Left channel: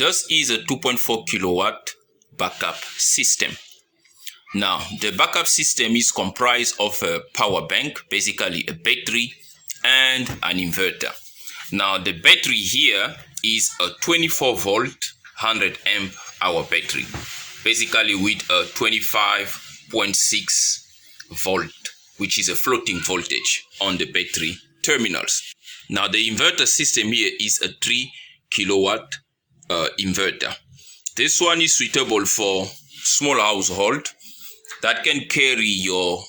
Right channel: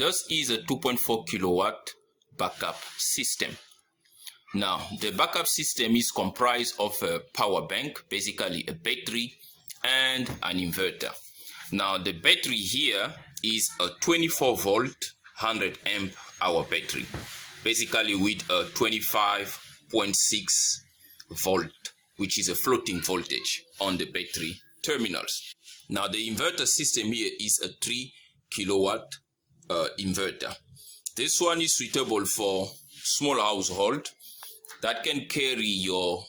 this is a 2.4 kilowatt backup system. Now, the backup system is comprised of a power bank, basically a battery and an inverter. Now, the battery here is a 24 volt 100 amp hour battery, basically with a 25.6 volt, which is a floating voltage on the battery terminals. Now, the inverter system here is a 3 kilowatt inverter. This one is suitable for small household that can carry your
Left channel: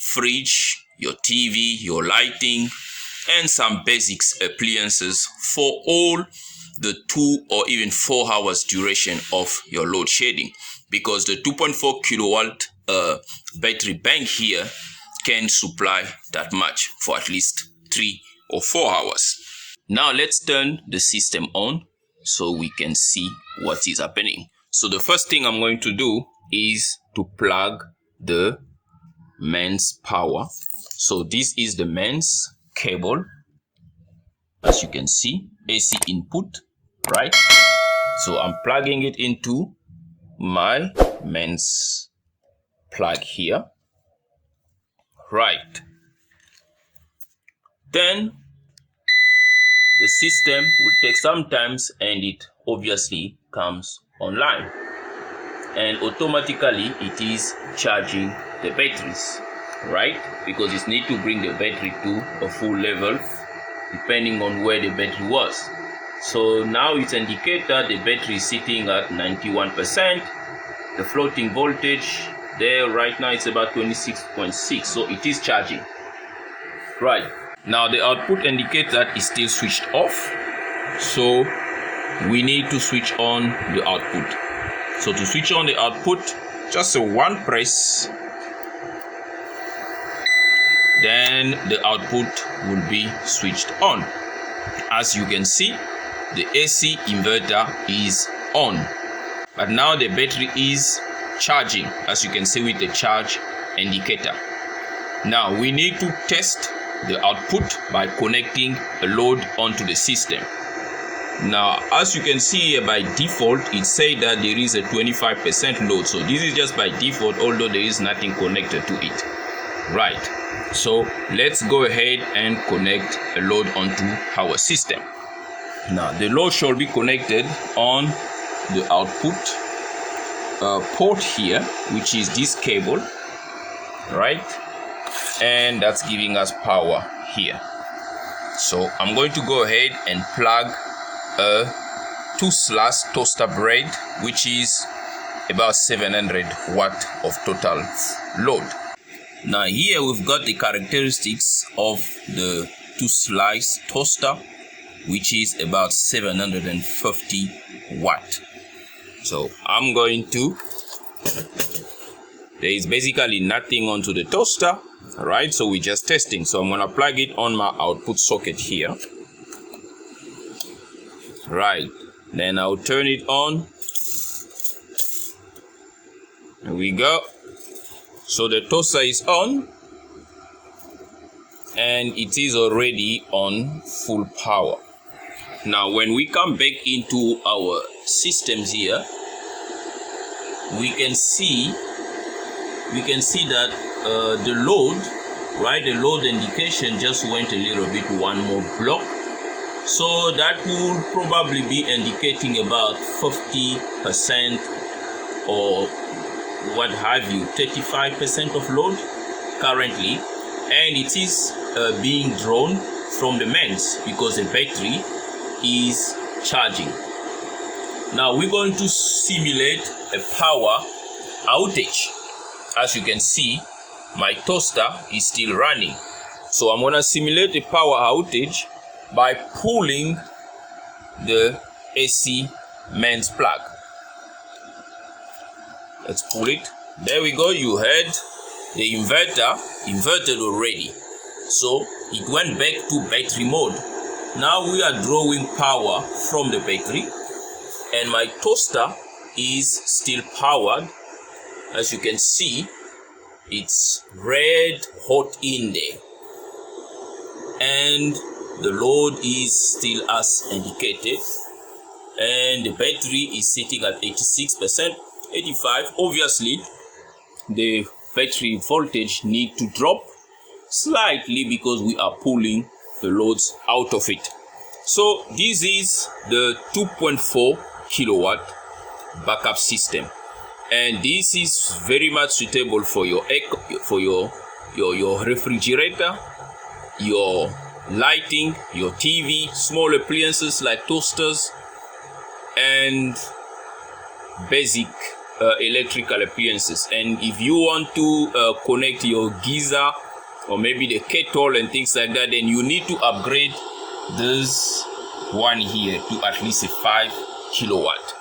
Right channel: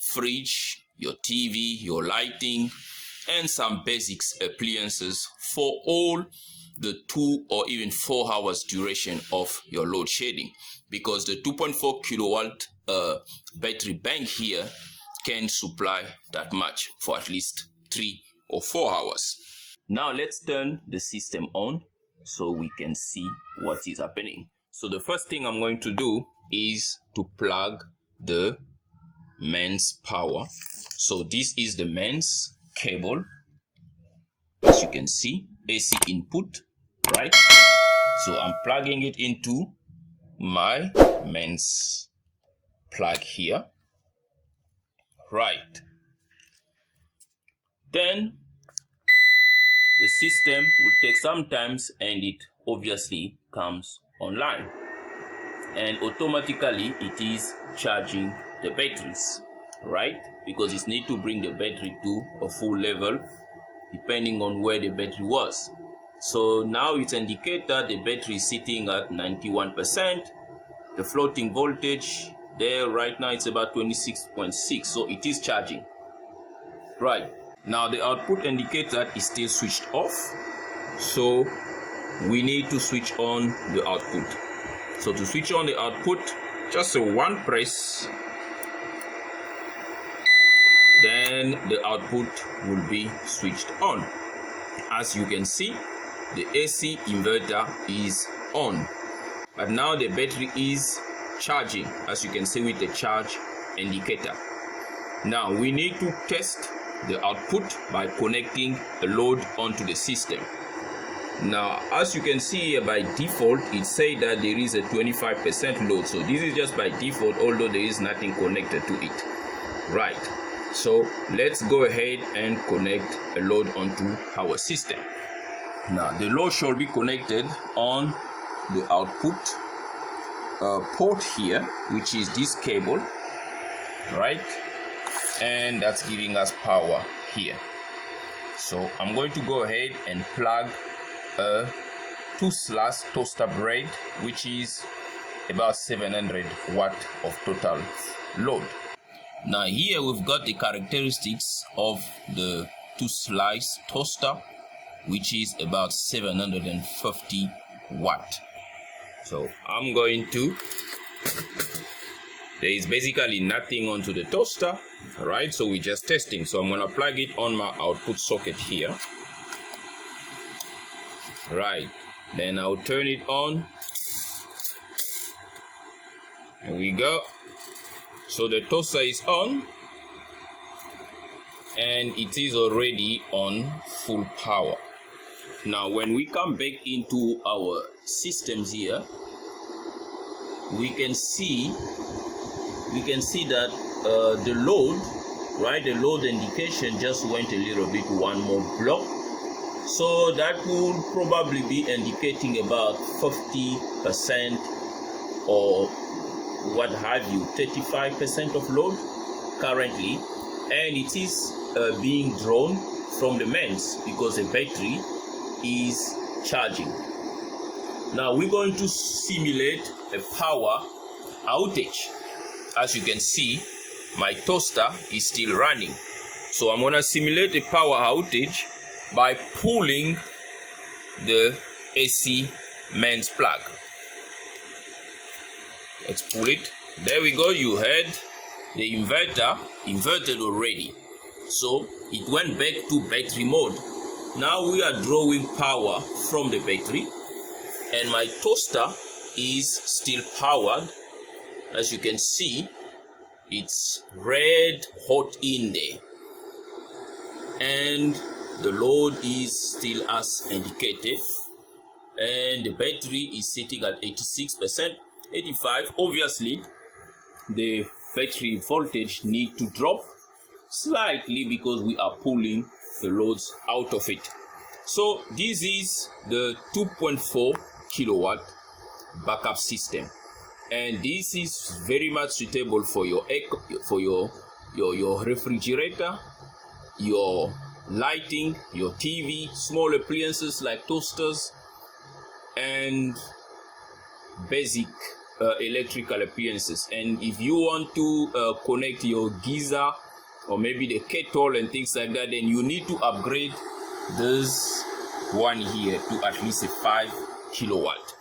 fridge, your TV, your lighting, and some basics appliances for all the 2 or even 4 hours duration of your load shedding, because the 2.4 kilowatt battery bank here can supply that much for at least 3 or 4 hours. Now let's turn the system on so we can see what is happening. So the first thing I'm going to do is to plug the mains power. So this is the mains cable, as you can see, AC input, right? So I'm plugging it into my mains plug here, right? Then the system will take some time and it obviously comes online, and automatically it is charging the batteries, right? Because it needs to bring the battery to a full level depending on where the battery was. So now it's indicate that the battery is sitting at 91%. The floating voltage there right now it's about 26.6, so it is charging, right? Now the output indicates that it's still switched off, so we need to switch on the output. So to switch on the output, just a one press, then the output will be switched on. As you can see, the AC inverter is on, but now the battery is charging, as you can see with the charge indicator. Now we need to test the output by connecting a load onto the system. Now, as you can see here, by default it says that there is a 25% load, so this is just by default, although there is nothing connected to it, right? So let's go ahead and connect a load onto our system. Now the load should be connected on the output port here, which is this cable, right? And that's giving us power here. So I'm going to go ahead and plug a 2-slash toaster bread, which is about 700 watt of total load. Now here we've got the characteristics of the 2-slice toaster, which is about 750 watt. So I'm going to, there is basically nothing onto the toaster, right? So we're just testing. So I'm going to plug it on my output socket here, right? Then I'll turn it on. Here we go. So the toaster is on and it is already on full power. Now when we come back into our systems here, we can see that the load, right, the load indication just went a little bit one more block, so that will probably be indicating about 50% or what have you, 35% of load currently, and it is being drawn from the mains because the battery is charging. Now we're going to simulate a power outage. As you can see, my toaster is still running, so I'm going to simulate a power outage by pulling the AC mains plug. Let's pull it. There we go. You heard the inverter inverted already, so it went back to battery mode. Now we are drawing power from the battery and my toaster is still powered. As you can see, it's red hot in there and the load is still as indicated, and the battery is sitting at 86%, 85. Obviously the battery voltage need to drop slightly because we are pulling the loads out of it. So this is the 2.4 kilowatt backup system, and this is very much suitable for your refrigerator, your lighting, your TV, small appliances like toasters, and basic electrical appliances. And if you want to connect your geyser or maybe the kettle and things like that, then you need to upgrade this one here to at least a 5 kilowatt,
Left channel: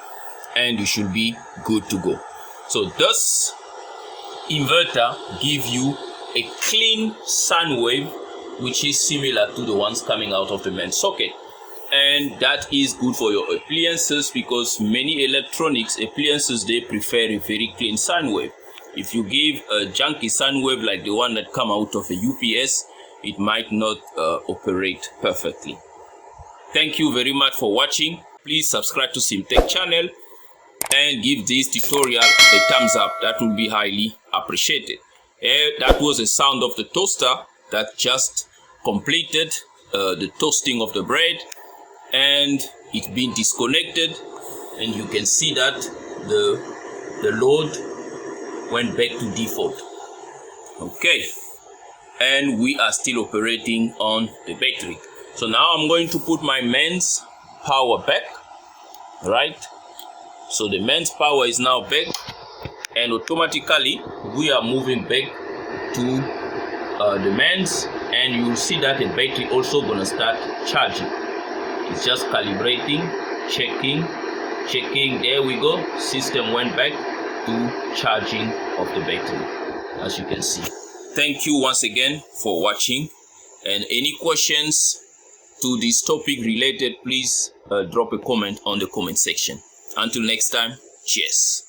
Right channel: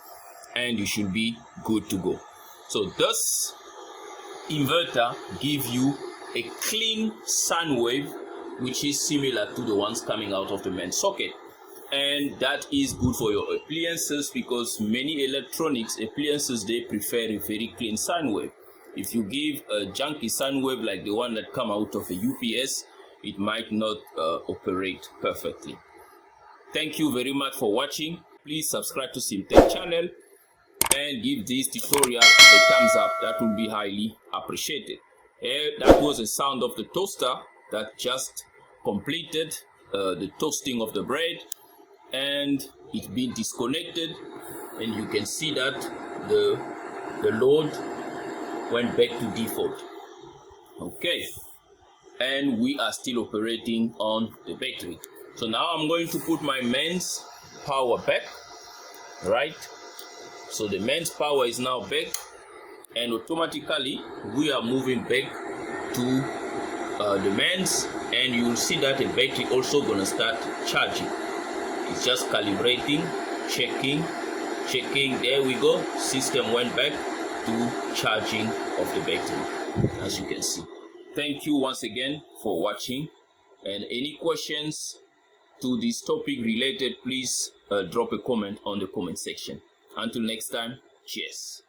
and you should be good to go. So this inverter give you a clean sine wave, which is similar to the ones coming out of the main socket, and that is good for your appliances, because many electronics appliances, they prefer a very clean sine wave. If you give a junky sine wave like the one that come out of a UPS, it might not operate perfectly. Thank you very much for watching. Please subscribe to CMTEQ channel and give this tutorial a thumbs up. That will be highly appreciated. That was the sound of the toaster that just completed the toasting of the bread, and it's been disconnected, and you can see that the load went back to default. Okay, and we are still operating on the battery. So now I'm going to put my mains power back, right? So the mains power is now back, and automatically we are moving back to the mains, and you will see that the battery also gonna start charging. It's just calibrating, checking. There we go. System went back to charging of the battery, as you can see. Thank you once again for watching, and any questions to this topic related, please drop a comment on the comment section. Until next time, cheers.